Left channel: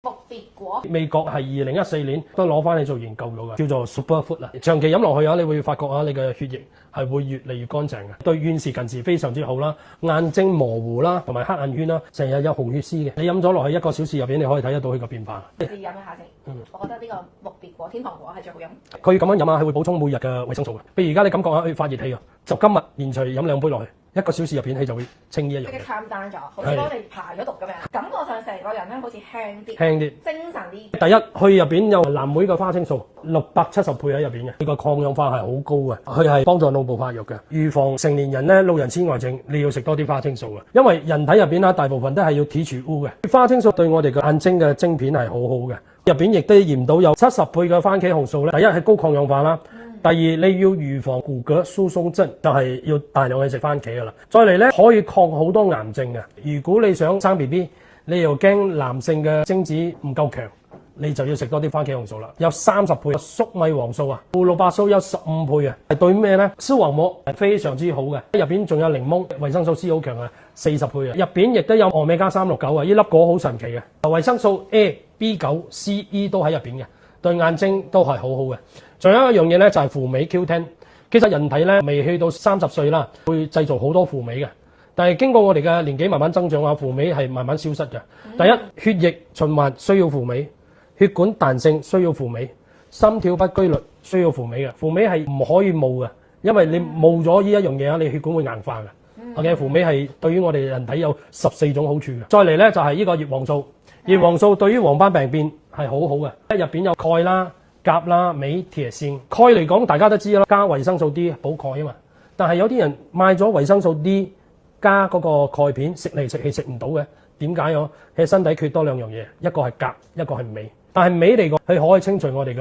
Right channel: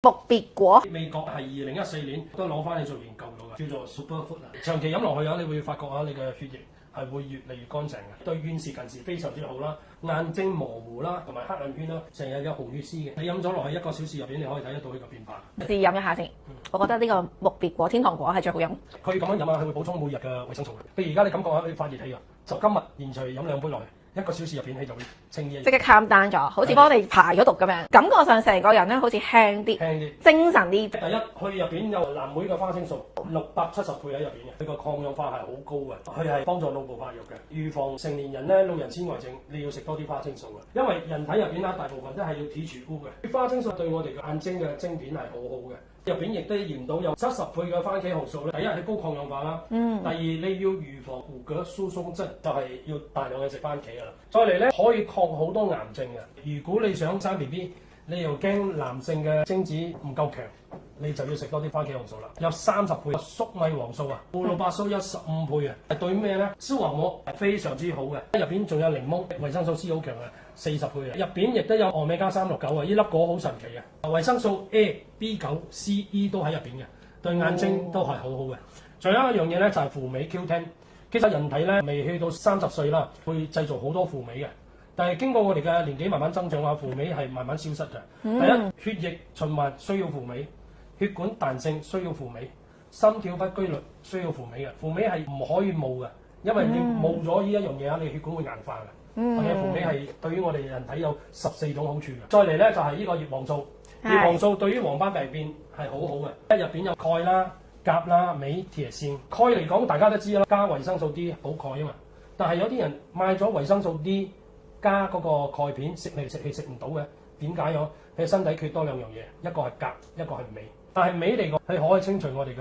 木別果美國係2014年都攞翻嚟做研究到嘅，叫做 Superfood 啦。長期飲落去啊，你會發覺啊，你嘅血液係會越嚟越乾淨嘅，對遠視近視非常之好啦，眼睛模糊啦，同埋黑眼圈啦，成日有紅血絲嘅。你飲咗落去1個小時入邊，你可以睇得到佢個變化。試飲一下先。我覺得呢個木別果天堂果係最好飲。佢咁樣飲啊，係會補充每日嘅維生素嘅。譬如而家你感覺下佢發熱氣啊，就今日連隨飲2杯落去，1個小時入邊佢就會清呢一樣。即刻 calm down 咗，好似幫你排咗毒咁樣，感覺上成個人咧好似輕啲、精神啲。第一，佢入邊有藍莓嘅花青素，670倍喺入邊嘅，佢個抗氧化係好高嘅，佢係幫助腦部發育嘅，預防成年人咧老人痴呆症。你要食多啲花青素嘅，因為人體入邊大部分都係要提取污嘅。花青素對我哋嘅眼睛嘅晶片係好好嘅。入邊亦都驗到有70倍嘅番茄紅素咧。第一係高抗氧化啦，第二你要預防骨骼疏鬆症，就係要大量去食番茄噶啦。再嚟咧可以抗好多癌症嘅。如果你想生 BB，你又驚男性嘅精子唔夠強，你就要食多啲番茄紅素啦。有30倍粟米黃素啊，胡蘿蔔素有15倍啊。係對咩咧？視網膜係非常之好嘅。入邊仲有檸檬，維生素 C 好強啊，40倍啊。入邊亦都有歐米伽369啊，呢粒果好神奇嘅。維生素 A、B9、C、E 都喺入邊嘅，對眼睛都係好好嘅。仲有一樣嘢咧就係輔酶 Q10。其實人體咧未去到30歲啦，會製造好多輔酶嘅。但係經過我哋嘅年紀慢慢增長啊，輔酶係慢慢消失嘅。第一，血液循環需要輔酶，血管彈性需要輔酶，心跳不規律需要輔酶嘅。輔酶係唔可以冇嘅，因為你冇咗呢一樣嘢啊，你血管會硬化嘅。OK，輔酶係對於我哋人體有14種好處嘅。再嚟咧就係呢個葉黃素，葉黃素對於黃斑病變係好好嘅，入邊有鈣啦、鉀啦、鎂、鐵、鋅。鈣嚟講大家都知啦，加維生素 D 補鈣啊嘛。但係有啲人買咗維生素 D 加嗰個鈣片食嚟食去食唔到嘅，點解？佢身體缺多2樣嘢，一個係鉀，一個係鎂。但係鎂嚟講，佢可以清除我哋嘅